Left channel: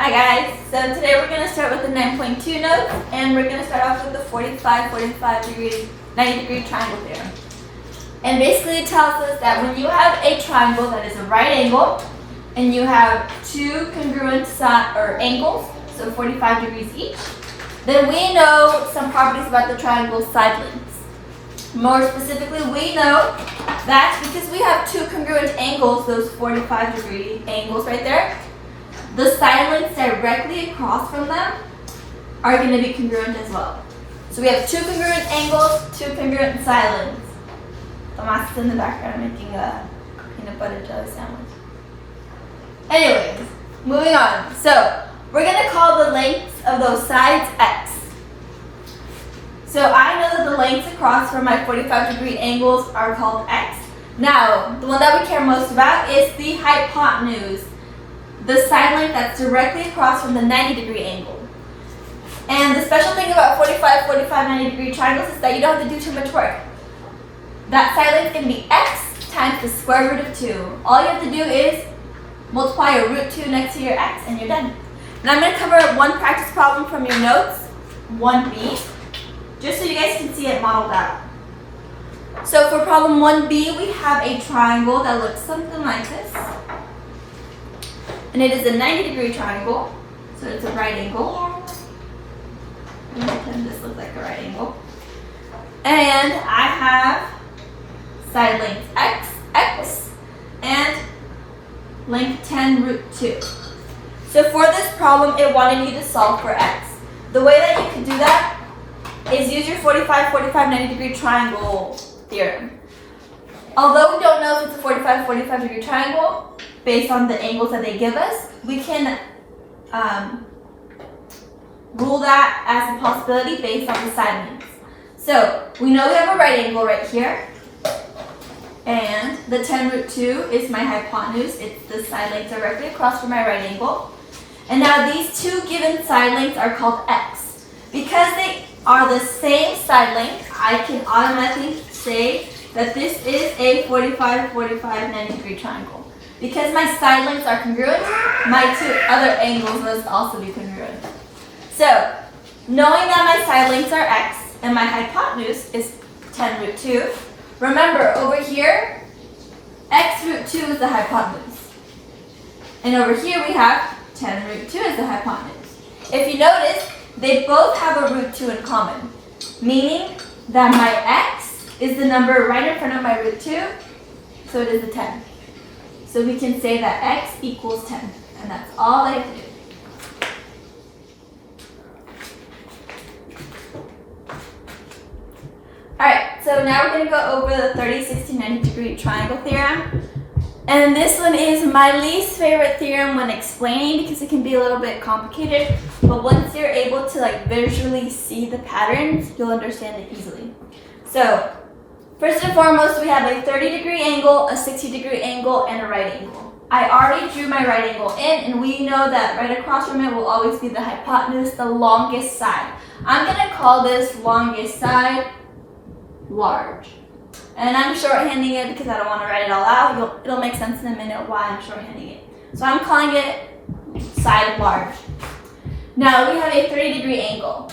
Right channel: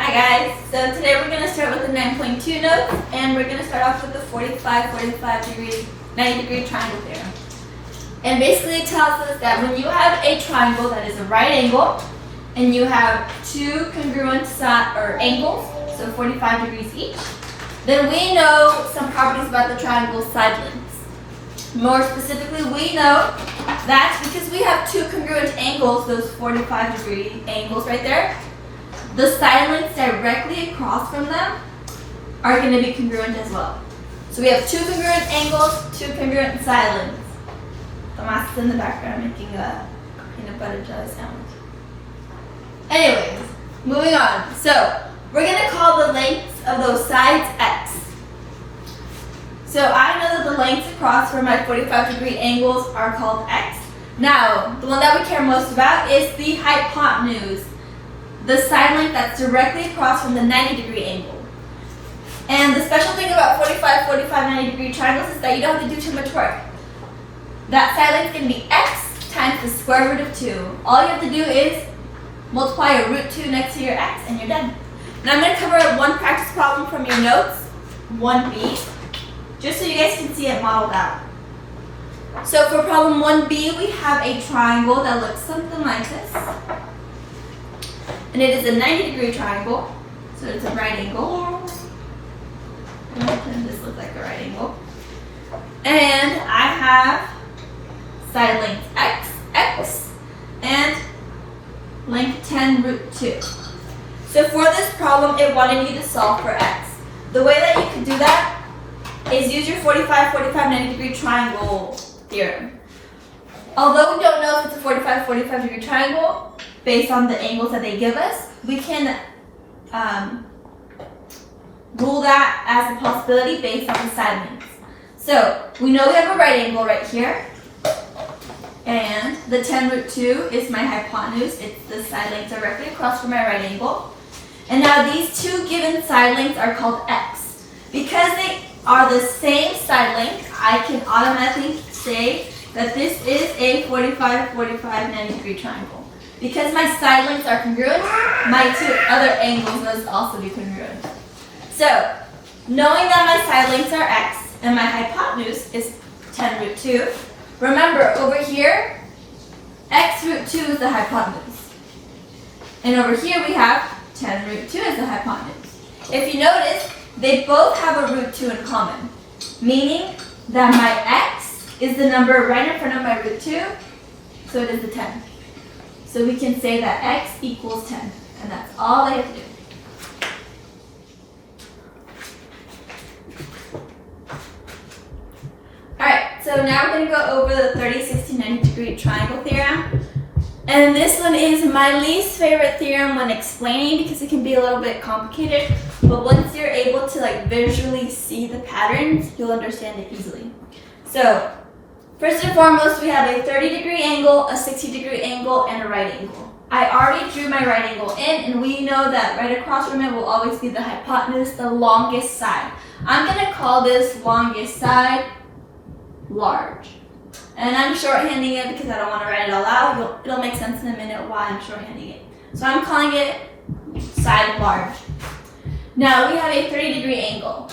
Hi guys, so today we're going to start with the 9.2 notes, and we're going to start off with the 90 degree triangle theorem. And basically it tells us that when you have a triangle that is a right angle, and you have two congruent angles, so 45 degrees each, then we know some properties about the triangle's side lengths. More specifically, we know that because we have two congruent angles, those 45 degree angles right there, the side lengths directly across from them are going to be congruent as well. So we have two congruent angles, two congruent side lengths. Tomas is in the background making a peanut butter toast sandwich. Anyways, moving on. So we're going to call the lengths of those sides x. So I know that the lengths across from my 45 degree angles are called x. Now, the one that we care most about is the hypotenuse, the side length that's directly across from the 90 degree angle. And the special thing about 45, 90 degree triangles is that you don't have to do too much work. That side length is going to be x times the square root of 2. All you have to do is multiply your root 2 next to your x and you're done. Now I'm going to cover one practice problem from your notes, 1b, just so you guys can see it modeled out. So for problem 1b, we have a triangle that looks something like this. And it is a 90 degree triangle, so it's a right angle. I'm going to pretend this looks like a right angle. And I have side length x, and length 10 root 2. So for this problem, it wanted me to solve for x. The way that you can do that is use your 45, 90 degree triangle theorem. Although we don't know if it's a 45 degree triangle, based on the angles that they give us, we can rule that as a possibility based on the side lengths. So we know we have a right angle right here, and the 10 root 2 is my hypotenuse. It's the side length directly across from my right angle. And now these two given side lengths are called x. Because they are the same side length, I can automatically say that this is a 45, 90 degree triangle. Because my side lengths are congruent, my two other angles must also be congruent. So, knowing that my side lengths are x and my hypotenuse is 10 root 2, remember over here, x root 2 is the hypotenuse. And over here we have 10 root 2 is the hypotenuse. If you notice, they both have a root 2 in common, meaning that my x is the number right in front of my root 2, so it is a 10. So we can say that x equals 10, and that's all I have to do. Alright, so now we're going to go over the 30, 60, 90 degree triangle theorem. And this one is my least favorite theorem when explaining because it can be a little bit complicated. But once you're able to visually see the patterns, you'll understand it easily. So, first and foremost, we have a 30 degree angle, a 60 degree angle, and a right angle. I already drew my right angle in, and we know that right across from it will always be the hypotenuse, the longest side. I'm going to call this longest side large. And I'm shorthanding it because I don't want to write it all out. It'll make sense in a minute why I'm shorthanding it. So I'm calling it side large. Now we have a 30 degree angle.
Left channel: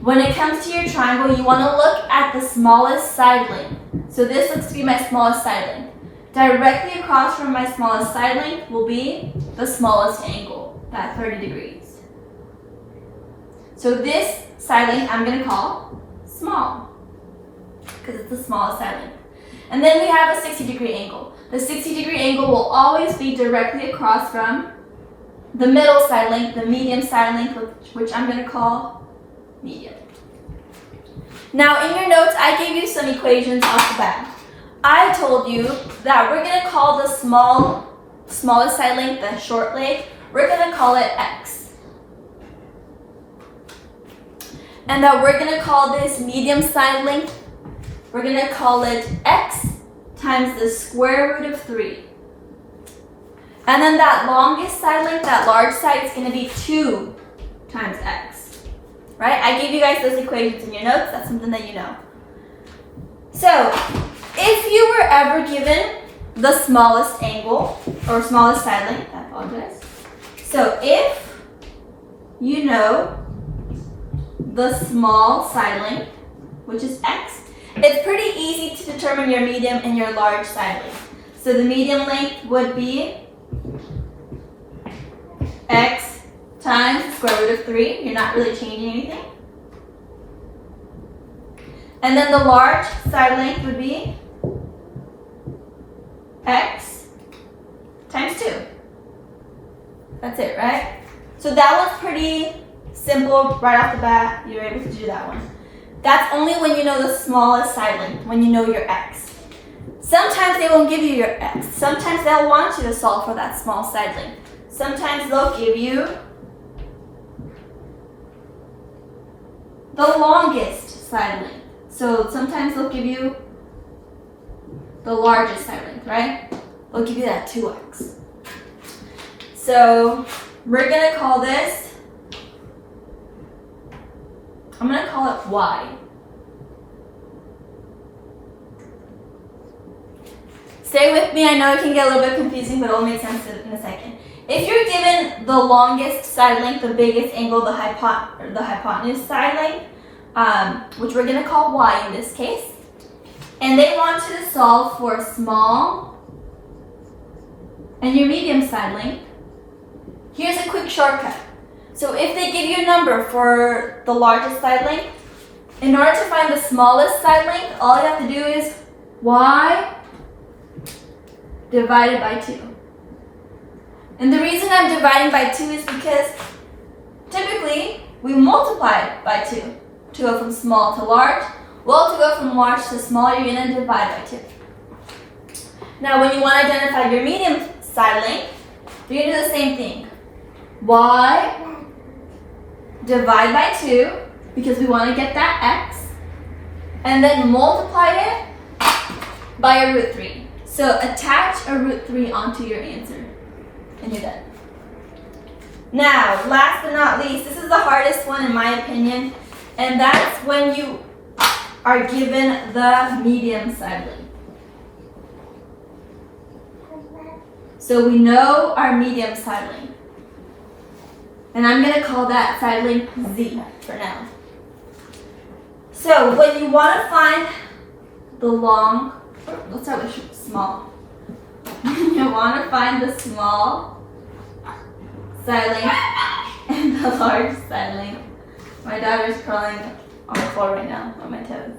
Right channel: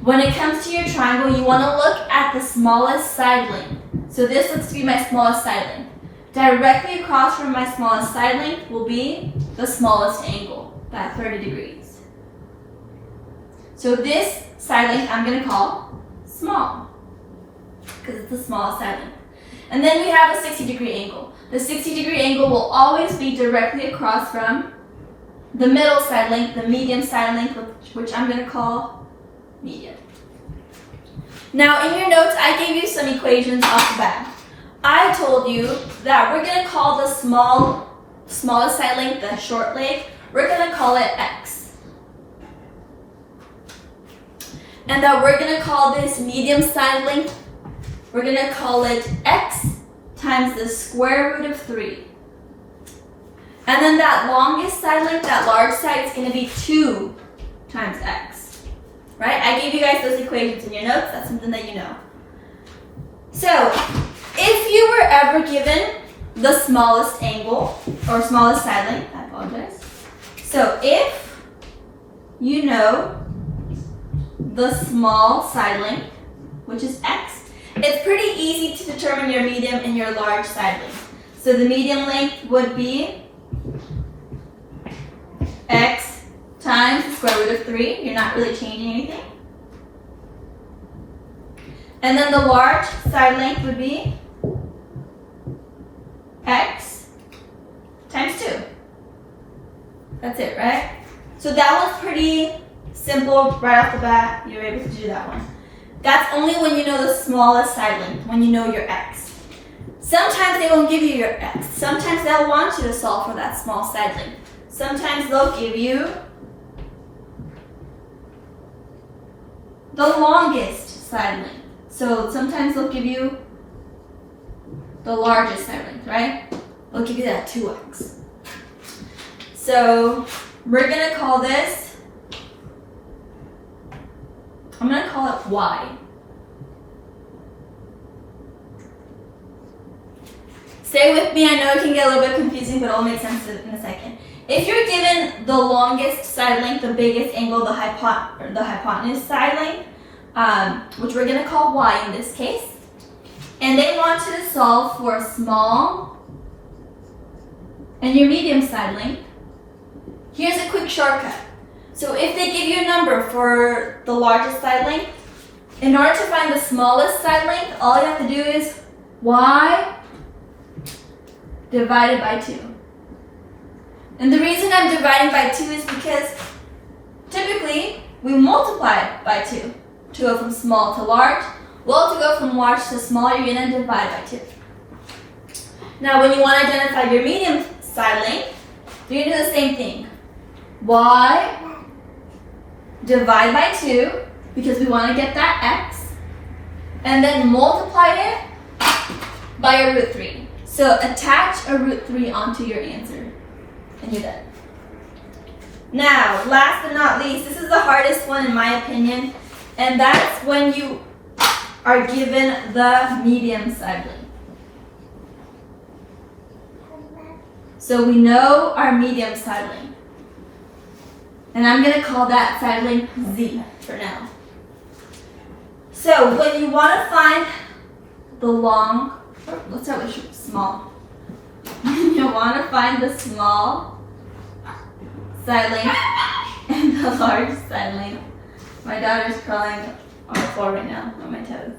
When it comes to your triangle, you want to look at the smallest side length. So this looks to be my smallest side length. Directly across from my smallest side length will be the smallest angle, that 30 degrees. So this side length I'm going to call small, because it's the smallest side length. And then we have a 60 degree angle. The 60 degree angle will always be directly across from the middle side length, the medium side length, which I'm going to call medium. Now in your notes, I gave you some equations off the bat. I told you that we're going to call the smallest side length, the short leg, we're going to call it x. And that we're going to call this medium side length, we're going to call it x times the square root of 3. And then that longest side length, that large side, is going to be 2 times x. Right? I gave you guys those equations in your notes. That's something that you know. So, if you were ever given the smallest angle, or smallest side length, I apologize. So if you know the small side length, which is x, it's pretty easy to determine your medium and your large side length. So the medium length would be x times the square root of 3. You're not really changing anything. And then the large side length would be x times 2. That's it, right? So that one's pretty simple right off the bat. You're able to do that one. That's only when you know the smallest side length, when you know your x. Sometimes they won't give you your x. Sometimes they'll want you to solve for that small side length. Sometimes they'll give you the longest side length. So sometimes they'll give you the largest side length, right? They'll give you that 2x. So we're gonna call this, I'm gonna call it y. Stay with me, I know it can get a little bit confusing, but it'll make sense in a second. If you're given the longest side length, the biggest angle, the hypotenuse side length, which we're going to call y in this case, and they want you to solve for small and your medium side length, here's a quick shortcut. So if they give you a number for the largest side length, in order to find the smallest side length, all you have to do is y divided by 2. And the reason I'm dividing by 2 is because typically we multiply by 2 to go from small to large. Well, to go from large to small, you're going to divide by 2. Now, when you want to identify your medium side length, you're going to do the same thing. Y divide by 2, because we want to get that x, and then multiply it by a root 3. So attach a root 3 onto your answer, and you're done. Now, last but not least, this is the hardest one in my opinion, and that's when you are given the medium side length. So we know our medium side length, and I'm going to call that side length z for now. So when you want to find the long, let's start with small. When you want to find the small side length and the large side length, my daughter's crawling on the floor right now on my toes.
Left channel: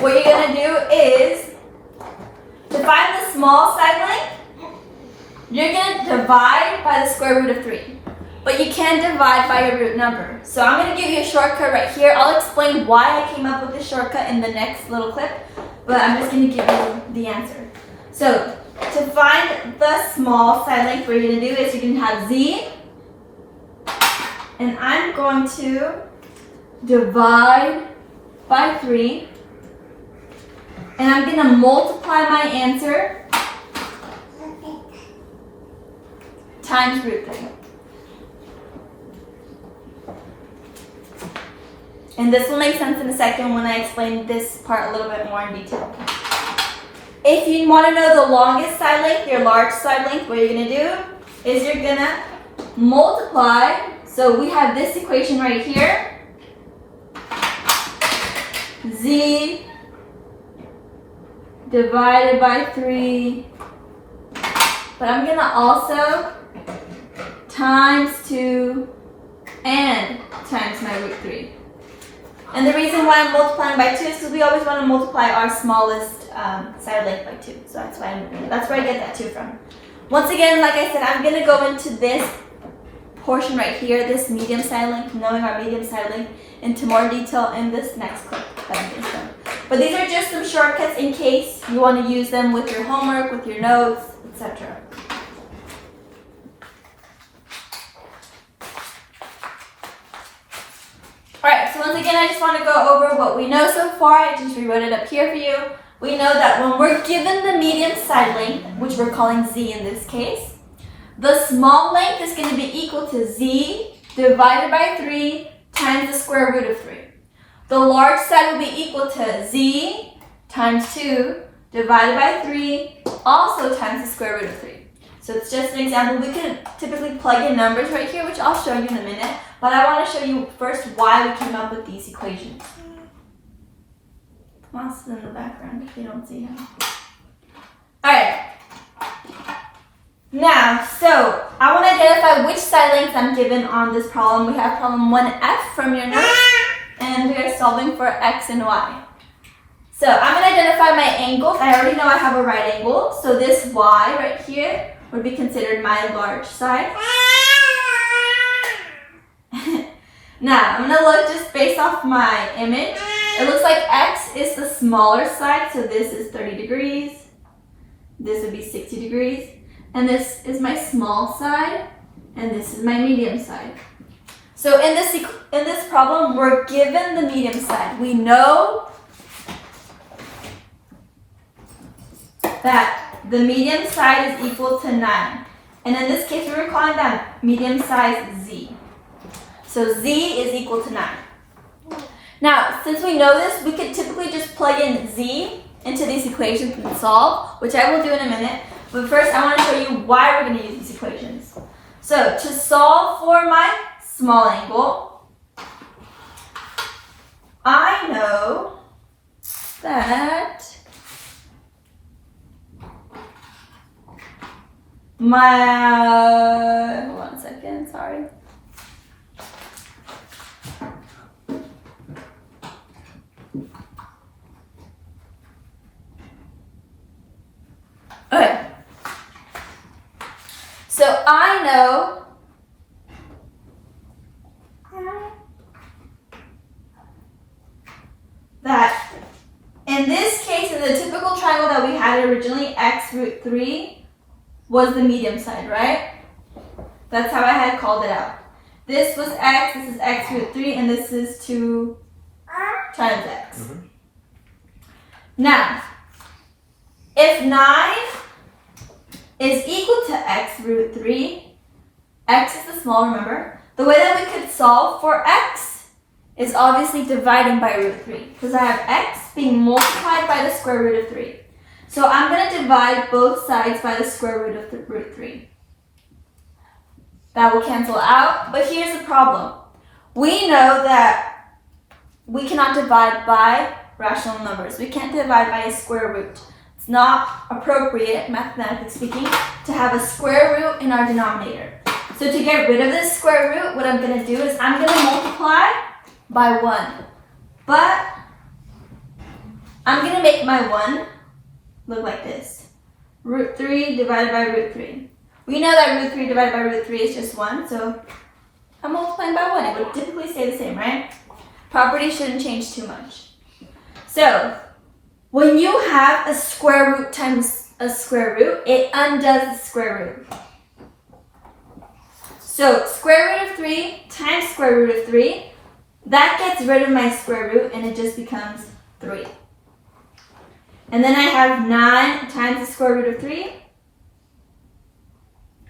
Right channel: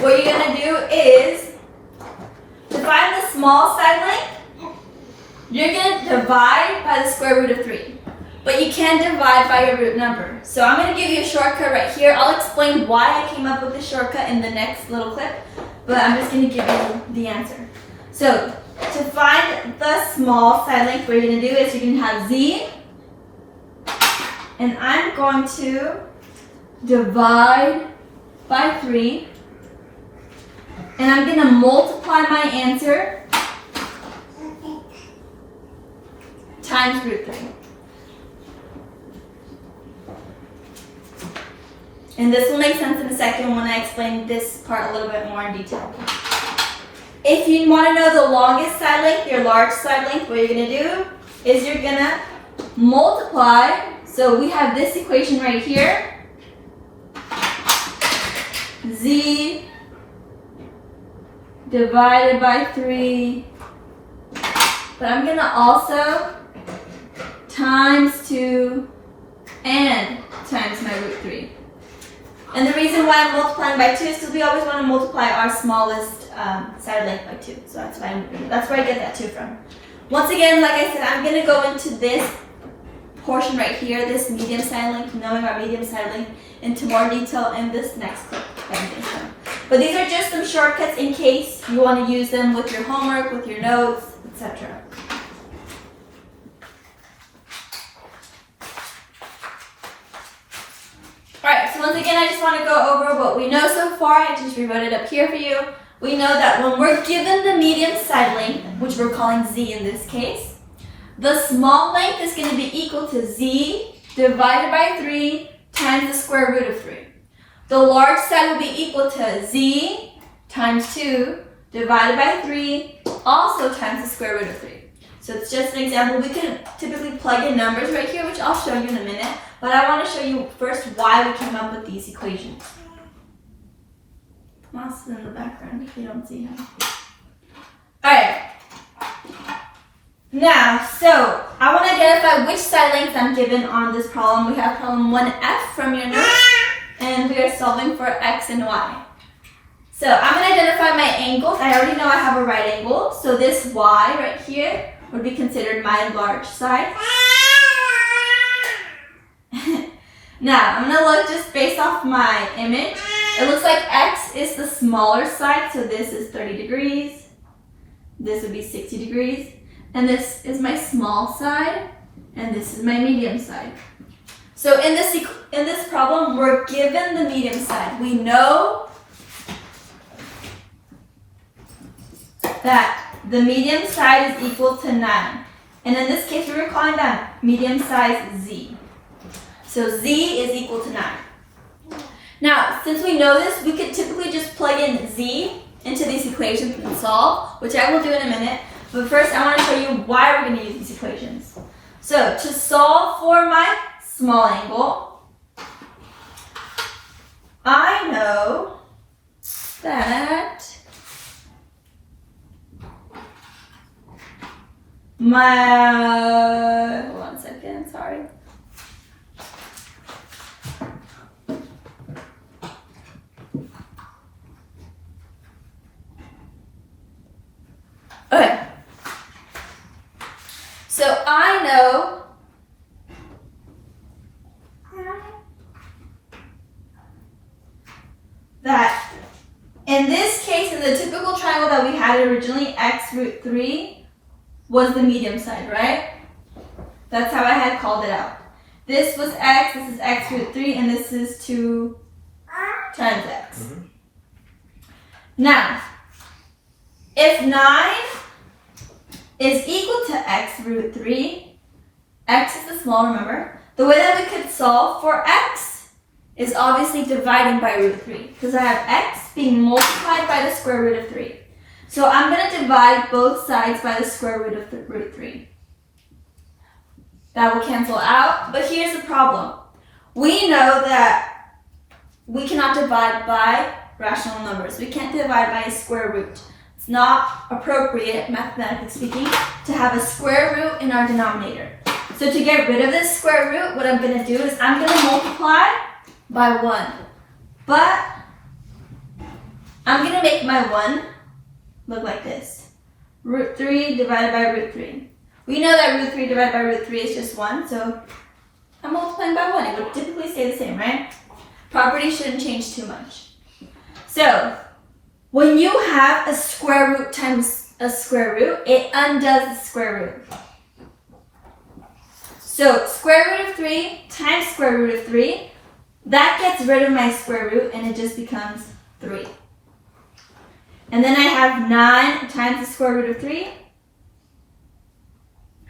What you're going to do is, to find the small side length, you're going to divide by the square root of 3. But you can divide by a root number. So I'm going to give you a shortcut right here. I'll explain why I came up with this shortcut in the next little clip, but I'm just going to give you the answer. So to find the small side length, what you're going to do is you're going to have z, and I'm going to divide by 3, and I'm going to multiply my answer times root 3. And this will make sense in a second when I explain this part a little bit more in detail. If you want to know the longest side length, your large side length, what you're going to do is you're going to multiply. So we have this equation right here. Z divided by 3. But I'm going to also times 2 and times my root 3. And the reason why I'm multiplying by 2 is because we always want to multiply our smallest side length by 2. So that's why that's where I get that 2 from. Once again, like I said, I'm going to go into this portion right here, this medium side length, knowing our medium side length, into more detail in this next clip. But these are just some shortcuts in case you want to use them with your homework, with your notes, etc. Alright, so once again, I just want to go over what we know so far. I just rewrote it up here for you. We know that when we're given the medium side length, which we're calling z in this case, the small length is going to be equal to z divided by 3 times the square root of 3. The large side will be equal to z times 2 divided by 3, also times the square root of 3. So it's just an example. We could typically plug in numbers right here, which I'll show you in a minute. But I want to show you first why we came up with these equations. Tomas is in the background if you don't see him. Alright. Now, so I want to identify which side length I'm given on this problem. We have problem 1F from your notes, and we are solving for X and Y. So I'm going to identify my angles. I already know I have a right angle, so this Y right here would be considered my large side. Now, I'm going to look just based off my image. It looks like X is the smaller side, so this is 30 degrees. This would be 60 degrees. And this is my small side, and this is my medium side. So in this problem, we're given the medium side. We know that the medium side is equal to 9. And in this case, we're calling that medium size Z. So Z is equal to 9. Now, since we know this, we could typically just plug in Z into these equations and solve, which I will do in a minute. But first, I want to show you why we're going to use these equations. So, to solve for my small angle, I know that my, one second, sorry. Okay. So I know that in this case, in the typical triangle that we had originally, x root 3 was the medium side, right? That's how I had called it out. This was x, this is x root 3, and this is 2 times x. Mm-hmm. Now, if 9 is equal to x root 3, x is the small, remember? The way that we could solve for x is obviously dividing by root 3, because I have x being multiplied by the square root of 3. So I'm going to divide both sides by the square root of root 3. That will cancel out, but here's the problem. We know that we cannot divide by rational numbers. We can't divide by a square root. It's not appropriate, mathematically speaking, to have a square root in our denominator. So to get rid of this square root, what I'm going to do is I'm going to multiply by 1. But I'm going to make my 1 look like this. Root 3 divided by root 3. We know that root 3 divided by root 3 is just 1, so I'm multiplying by 1. It would typically stay the same, right? Property shouldn't change too much. So, when you have a square root times a square root, it undoes the square root. So, square root of 3 times square root of 3, that gets rid of my square root and it just becomes 3. And then I have 9 times the square root of 3,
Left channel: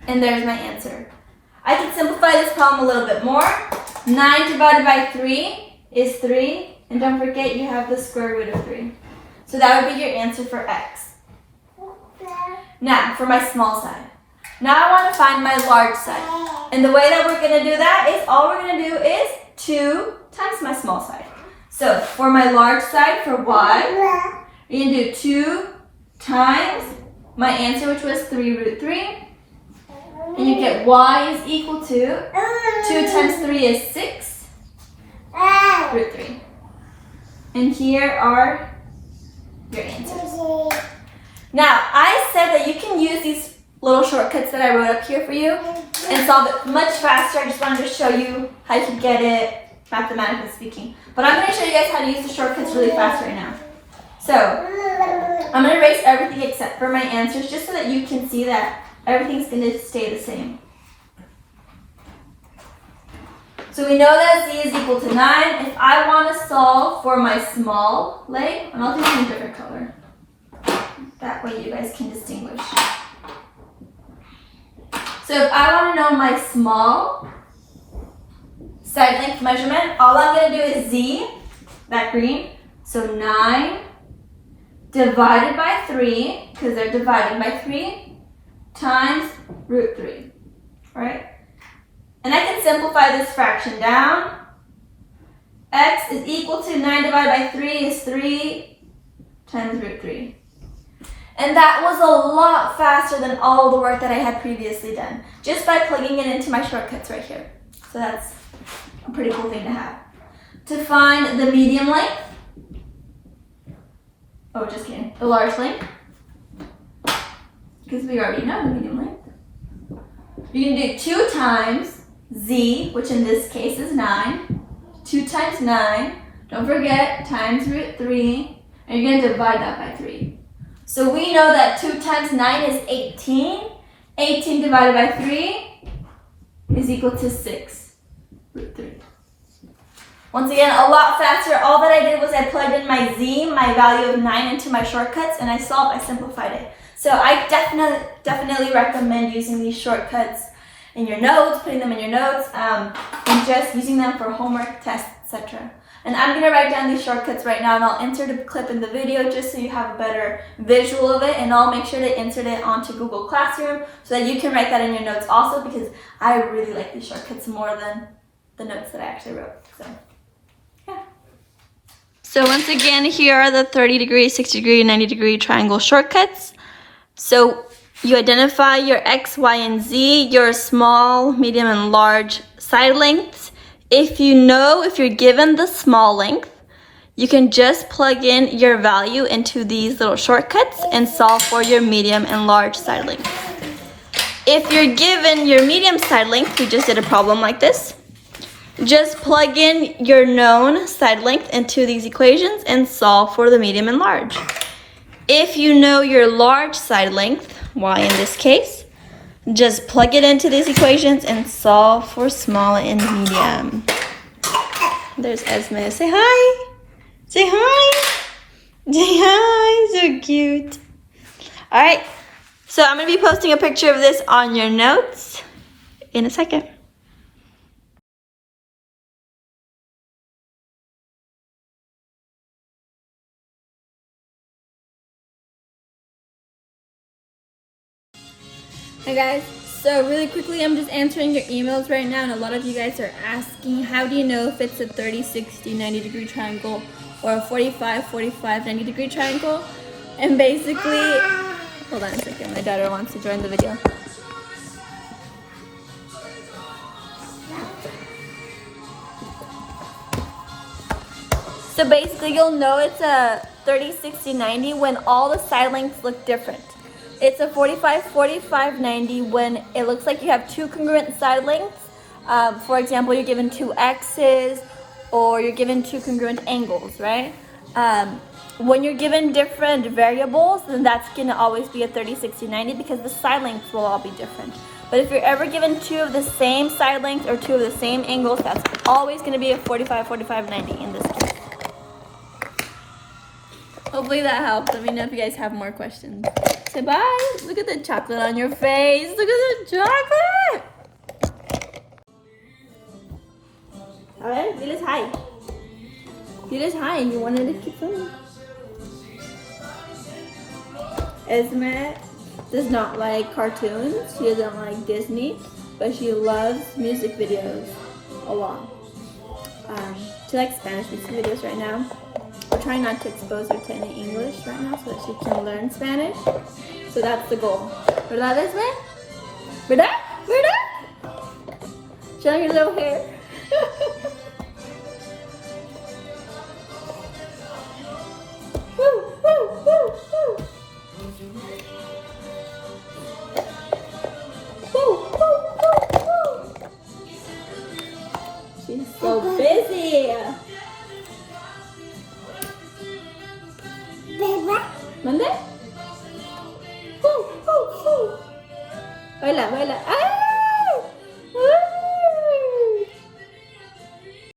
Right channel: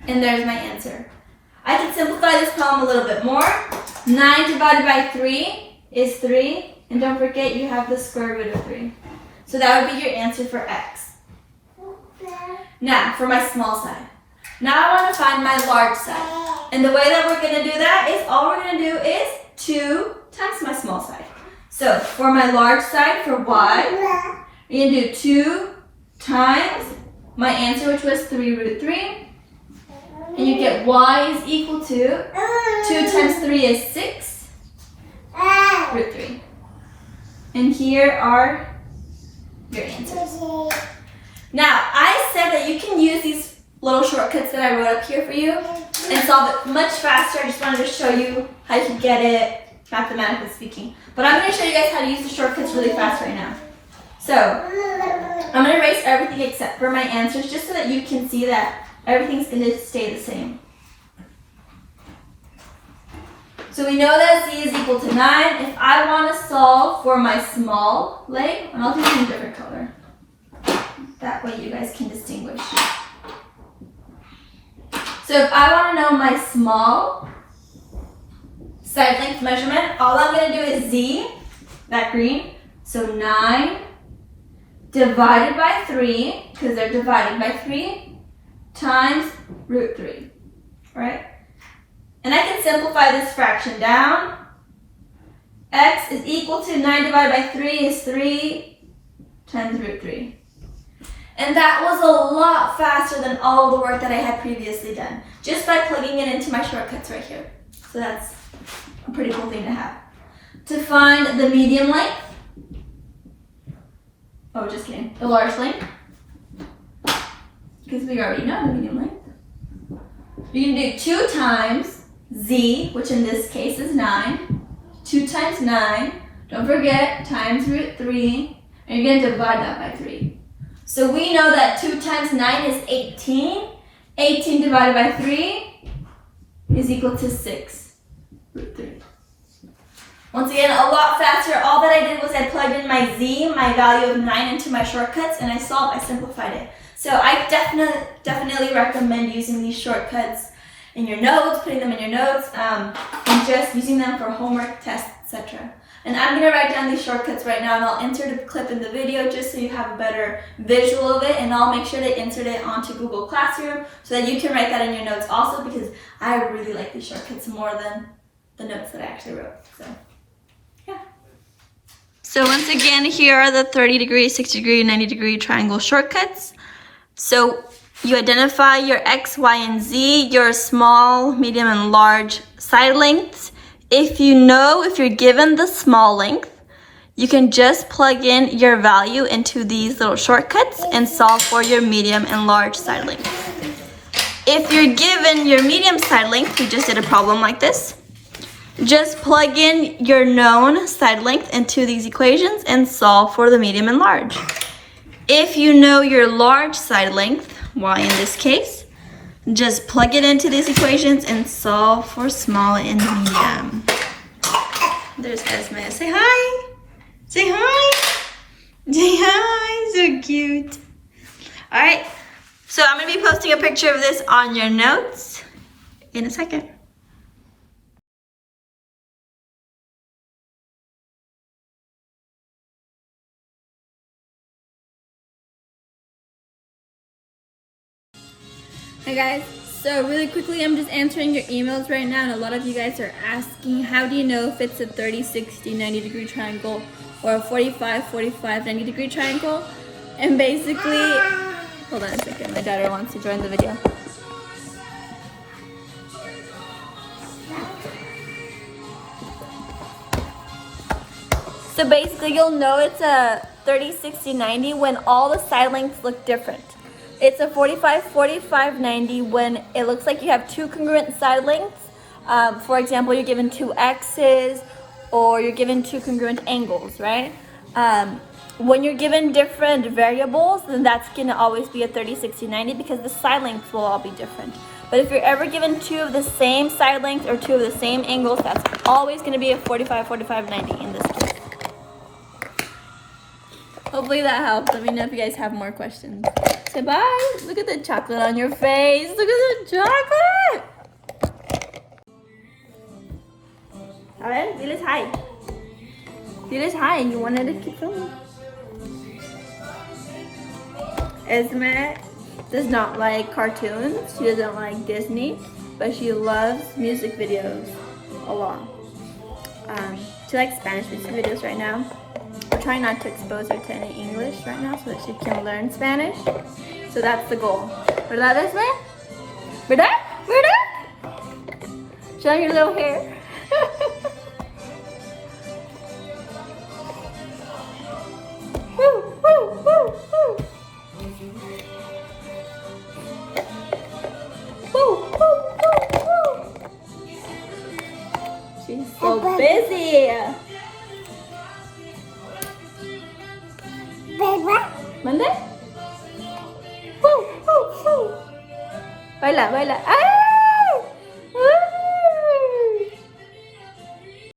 and there's my answer. I can simplify this problem a little bit more. 9 divided by 3 is 3, and don't forget you have the square root of 3. So that would be your answer for x. Now, for my small side. Now I want to find my large side. And the way that we're going to do that is, all we're going to do is 2 times my small side. So, for my large side, for y, we're going to do 2 times my answer, which was 3 root 3. And you get y is equal to 2 times 3 is 6 root 3. And here are your answers. Now, I said that you can use these little shortcuts that I wrote up here for you and solve it much faster. I just wanted to show you how you can get it mathematically speaking. But I'm going to show you guys how to use the shortcuts really fast right now. So, I'm going to erase everything except for my answers just so that you can see that everything's going to stay the same. So we know that z is equal to 9. If I want to solve for my small leg, and I'll do it in a different color. That way you guys can distinguish. So if I want to know my small side length measurement, all I'm going to do is z, that green, so 9 divided by 3, because they're divided by 3, times root 3, right? And I can simplify this fraction down. X is equal to 9 divided by 3 is 3 times root 3. And that was a lot faster than all the work that I had previously done, just by plugging it into my shortcuts right here. So that's a pretty cool thing to have. To find the medium length, oh, just kidding, the large length, because we already know the medium length. We can do 2 times z, which in this case is 9. 2 times 9, don't forget, times root 3, and you're going to divide that by 3. So we know that 2 times 9 is 18. 18 divided by 3 is equal to 6 root 3. Once again, a lot faster. All that I did was I plugged in my z, my value of 9, into my shortcuts, and I solved, I simplified it. So I definitely recommend using these shortcuts in your notes, putting them in your notes, and just using them for homework, tests, etc. And I'm going to write down these shortcuts right now, and I'll insert a clip in the video just so you have a better visual of it, and I'll make sure to insert it onto Google Classroom so that you can write that in your notes also, because I really like these shortcuts more than the notes that I actually wrote. So, yeah. So once again, here are the 30 degree, 60 degree, 90 degree triangle shortcuts. So you identify your X, Y, and Z, your small, medium, and large side lengths. If you're given the small length, you can just plug in your value into these little shortcuts and solve for your medium and large side length. If you're given your medium side length, we just did a problem like this, just plug in your known side length into these equations and solve for the medium and large. If you know your large side length, Y in this case, just plug it into these equations and solve for small and medium. There's Esme. Say hi. Say hi. Say hi. So cute. All right. So I'm going to be posting a picture of this on your notes in a second. Hi guys, so really quickly I'm just answering your emails right now, and a lot of you guys are asking, how do you know if it's a 30, 60, 90 degree triangle or a 45, 45, 90 degree triangle? And basically, hold on a second, my daughter wants to join the video. So basically you'll know it's a 30, 60, 90 when all the side lengths look different. It's a 45, 45, 90 when it looks like you have 2 congruent side lengths. For example, you're given 2 X's or you're given 2 congruent angles, right? When you're given different variables, then that's going to always be a 30, 60, 90 because the side lengths will all be different. But if you're ever given 2 of the same side length or 2 of the same angles, that's always going to be a 45, 45, 90 in this case. Hopefully that helped. Let me know if you guys have more questions. Say bye. Look at the chocolate on your face. Look at the chocolate. A ver, diles hi. Diles hi. You wanted to keep filming. Esme does not like cartoons. She doesn't like Disney, but she loves music videos a lot. She likes Spanish music videos right now. We're trying not to expose her to any English right now so that she can learn Spanish. So that's the goal. ¿Verdad, Esme? ¿Verdad? ¿Verdad? Show your little hair. Woo, woo, woo, woo. Woo, woo, woo, woo. She's so busy. ¿Mande? Baila, baila. ¡Ah!